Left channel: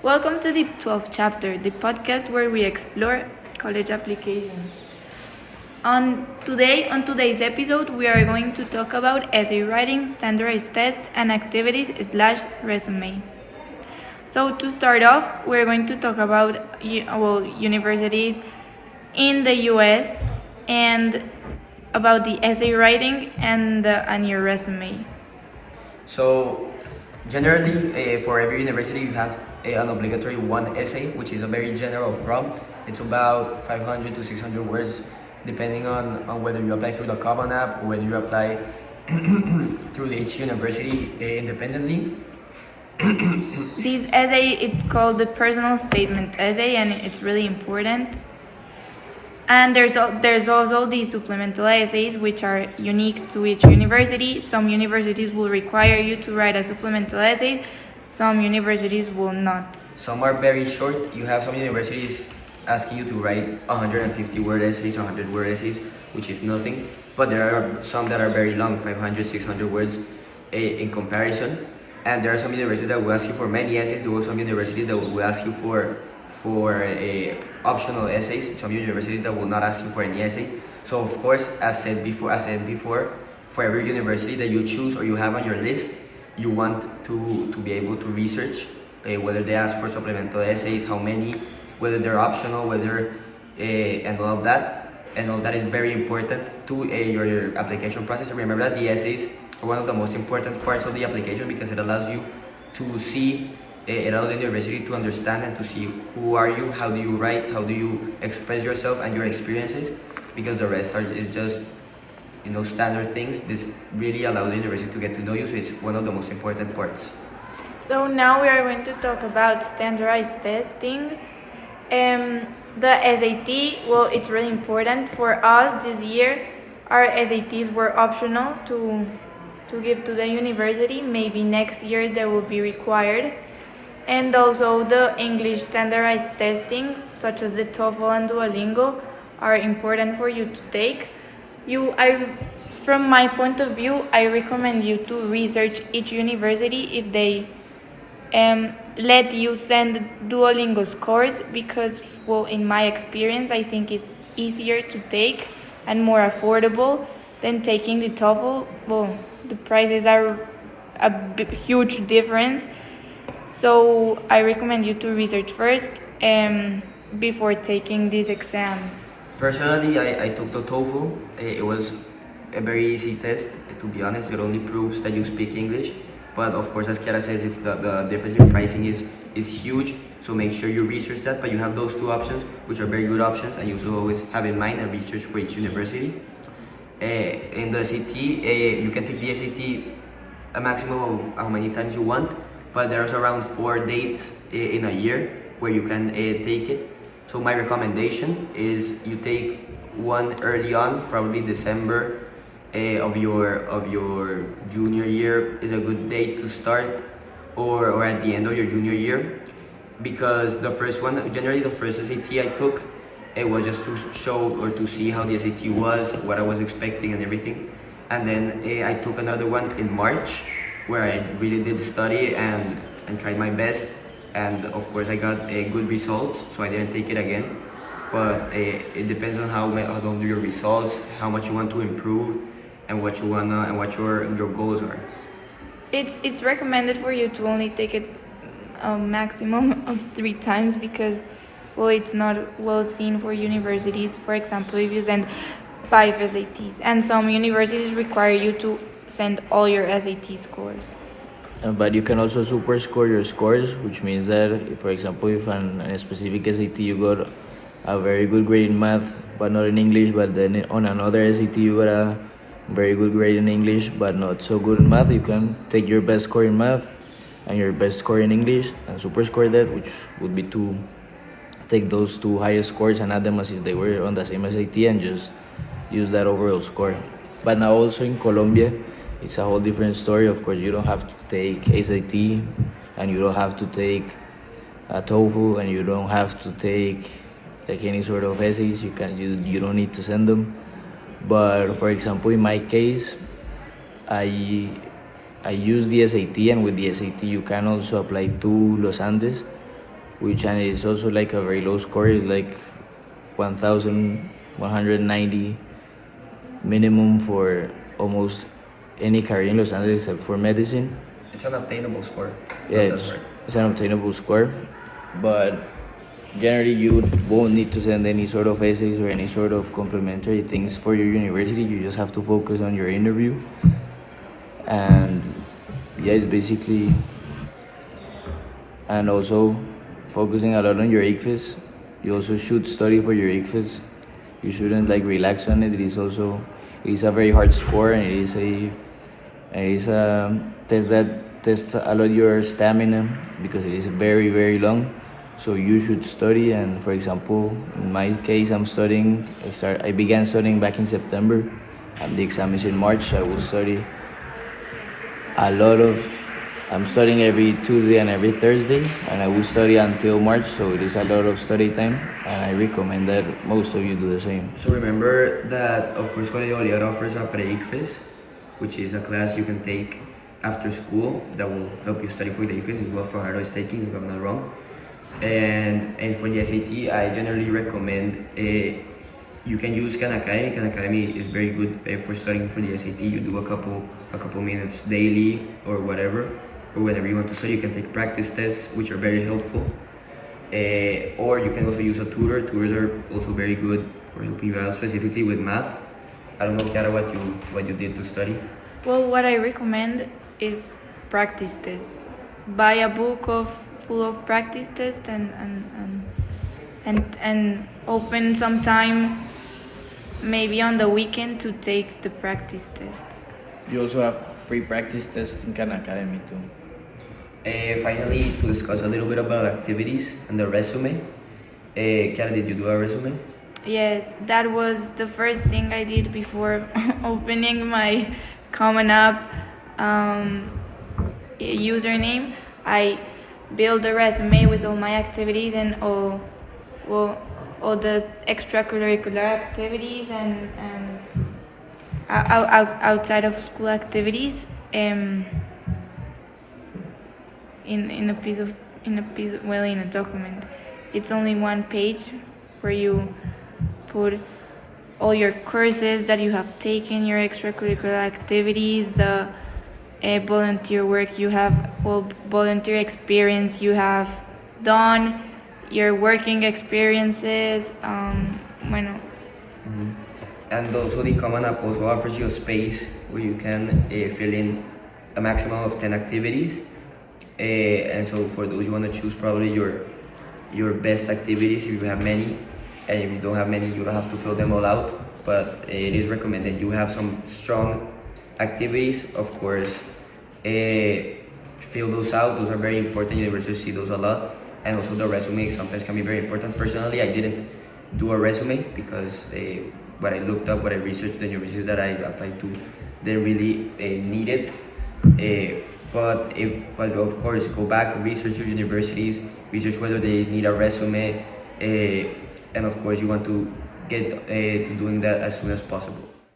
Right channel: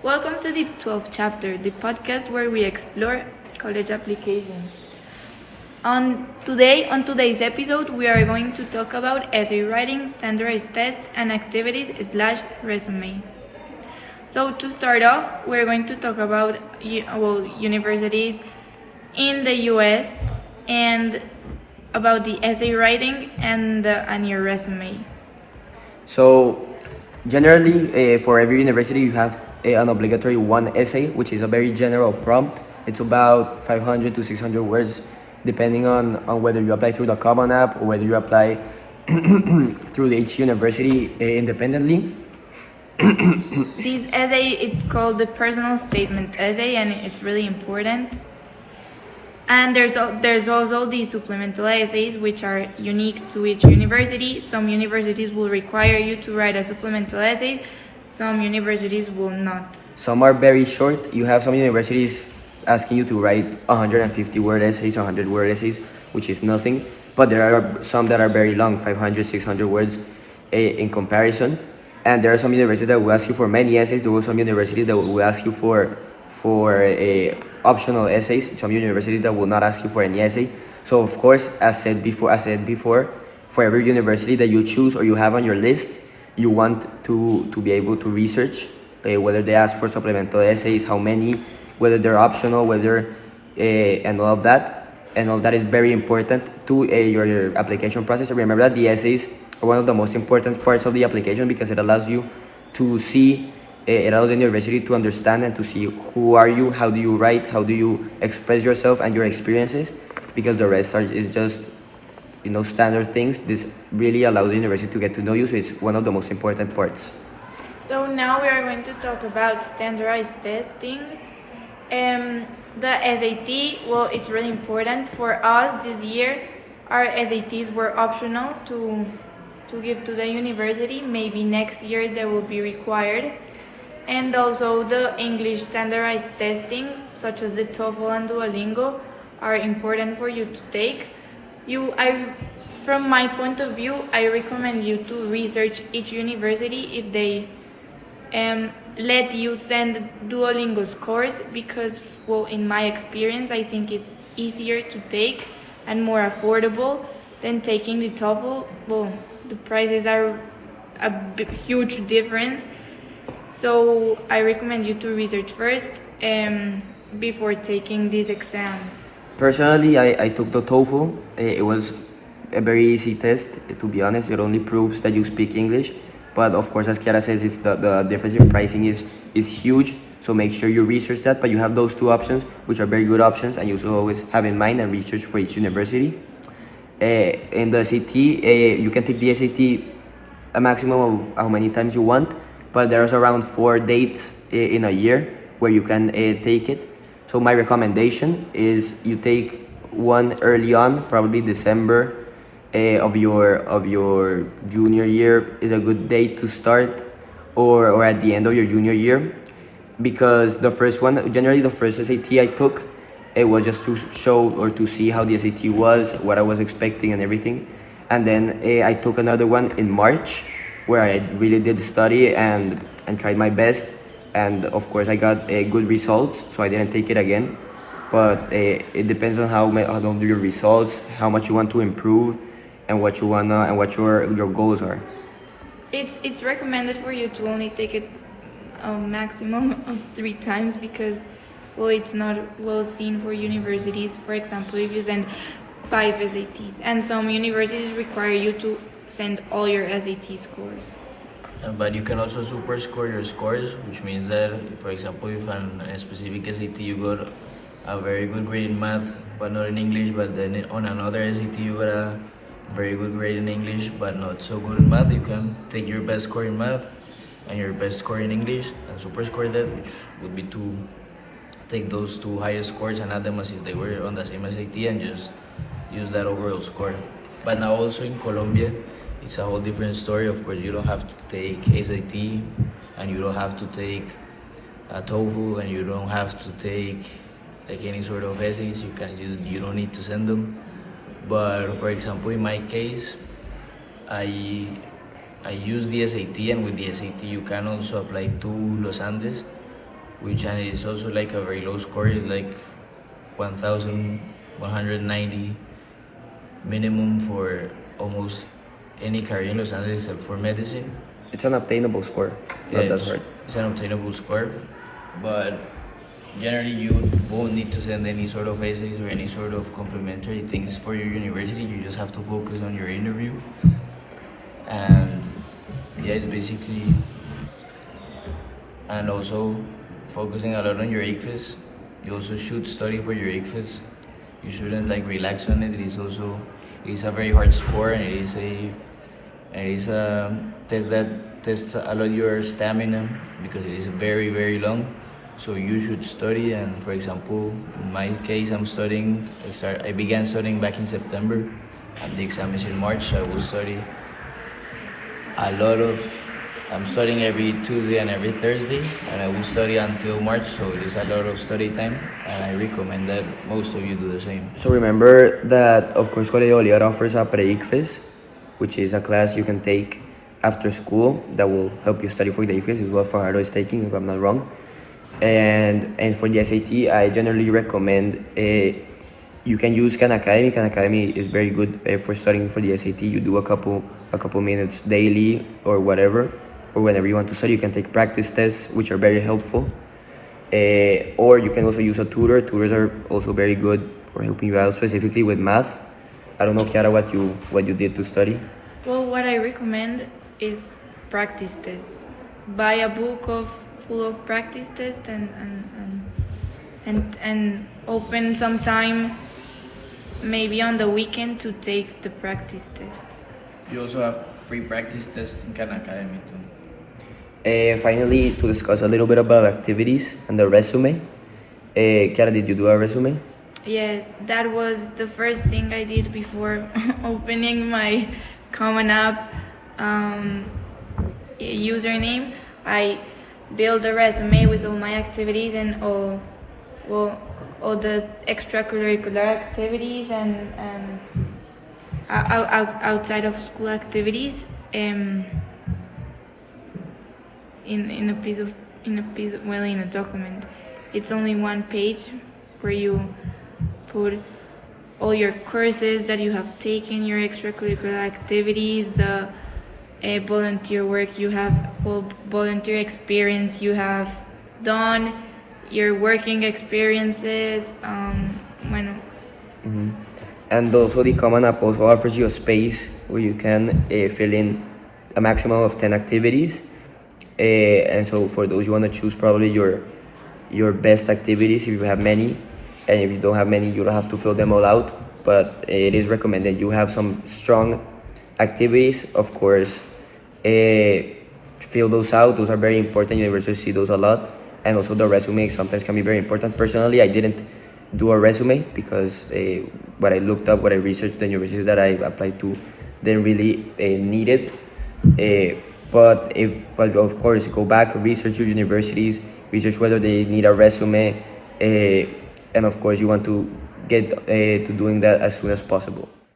Welcome to the 12th chapter, the podcast where we explore college applications. On today's episode, we are going to talk about essay writing, standardized tests, and activities/resume. So to start off, we're going to talk about universities in the U.S. and about the essay writing and your resume. So, generally, for every university, you have an obligatory one essay, which is a very general prompt. It's about 500 to 600 words, depending on whether you apply through the Common App or whether you apply through each university independently. This essay, it's called the personal statement essay, and it's really important. And there's also the supplemental essays, which are unique to each university. Some universities will require you to write a supplemental essay. Some universities will not. Some are very short. You have some universities asking you to write 150 word essays, 100 word essays, which is nothing. But there are some that are very long, 500, 600 words in comparison. And there are some universities that will ask you for many essays. There are some universities that will ask you for optional essays. Some universities that will not ask you for any essay. So of course, as said before, for every university that you choose or you have on your list, you want to be able to research whether they ask for supplemental essays, how many, whether they're optional, whether and all of that. And all that is very important to your application process. And remember that the essays are one of the most important parts of the application because it allows you to see, it allows the university to understand and to see who are you, how do you write, how do you express yourself and your experiences, because the rest is just standard things. This really allows the university to get to know you, so it's one of the most important parts. So now we are going to talk about standardized testing. The SAT, well, it's really important for us this year. Our SATs were optional to give to the university. Maybe next year they will be required. And also the English standardized testing, such as the TOEFL and Duolingo, are important for you to take. From my point of view, I recommend you to research each university if they let you send Duolingo scores, because, well, in my experience, I think it's easier to take and more affordable than taking the TOEFL. Well, the prices are a huge difference. So I recommend you to research first before taking these exams. Personally, I took the TOEFL. It was a very easy test, to be honest. It only proves that you speak English. But of course, as Kiara says, it's the difference in pricing is huge. So make sure you research that. But you have those two options, which are very good options, and you should always have in mind and research for each university. In the SAT, you can take the SAT a maximum of how many times you want, but there's around 4 dates in a year where you can take it. So my recommendation is you take one early on, probably December of your junior year is a good date to start, or at the end of your junior year, because the first one, generally the first SAT I took, it was just to show or to see how the SAT was, what I was expecting and everything. And then I took another one in March where I really did study and tried my best. And of course I got good results, so I didn't take it again. But it depends on how do your results, how much you want to improve, and what you wanna and what your goals are. It's recommended for you to only take it a maximum of 3 times because, well, it's not well seen for universities. For example, if you send 5 SATs, and some universities require you to send all your SAT scores. But you can also super score your scores, which means that, for example, if on a specific SAT you got a very good grade in math, but not in English, but then on another SAT you got a very good grade in English, but not so good in math, you can take your best score in math and your best score in English and super score that, which would be to take those 2 highest scores and add them as if they were on the same SAT and just use that overall score. But now also in Colombia, it's a whole different story. Of course, you don't have to take SAT, and you don't have to take a TOEFL, and you don't have to take like any sort of essays. You don't need to send them. But for example, in my case, I use the SAT, and with the SAT you can also apply to Los Andes, which and it is also like a very low score. It's like 1,190 minimum for almost any career in Los Angeles except for medicine. It's an obtainable score. Yeah, That's right. it's an obtainable score, but generally you won't need to send any sort of essays or any sort of complimentary things for your university. You just have to focus on your interview, and yeah, it's basically, and also focusing a lot on your ICFES. You also should study for your ICFES. You shouldn't like relax on it. It's a very hard score, and it is a test that tests a lot your stamina because it is very very long. So you should study. And for example, in my case, I began studying back in September, and the exam is in March. So I will study a lot of. I'm studying every Tuesday and every Thursday, and I will study until March. So it is a lot of study time, and I recommend that most of you do the same. So remember that, of course, Colegio Bolívar offers a pre-ICFES, which is a class you can take after school that will help you study for the ICFES. It's what Fajardo is taking, if I'm not wrong. And for the SAT, I generally recommend you can use Khan Academy. Khan Academy is very good for studying for the SAT. You do a couple minutes daily or whatever, or whenever you want to study. You can take practice tests, which are very helpful. Or you can also use a tutor. Tutors are also very good for helping you out, specifically with math. I don't know, Kiara, what you did to study. Well, what I recommend is practice tests. Buy a book full of practice tests and open some time, maybe on the weekend, to take the practice tests. You also have free practice tests in Khan Academy too. Finally, to discuss a little bit about activities and the resume. Kiara, did you do a resume? Yes, that was the first thing I did before opening my Common App username. I build a resume with all my activities and all the extracurricular activities and outside of school activities in a document. It's only one page where you put all your courses that you have taken, your extracurricular activities, the volunteer work you have, or volunteer experience you have done, your working experiences. And also the Common App also offers you a space where you can fill in a maximum of 10 activities. And so for those you want to choose probably your best activities if you have many, and if you don't have many, you don't have to fill them all out. But it is recommended you have some strong activities, of course. Fill those out. Those are very important. Universities see those a lot. And also the resume sometimes can be very important. Personally, I didn't do a resume because what I looked up, what I researched, the universities that I applied to didn't really need it. But of course, go back, research your universities, research whether they need a resume, and of course you want to get to doing that as soon as possible.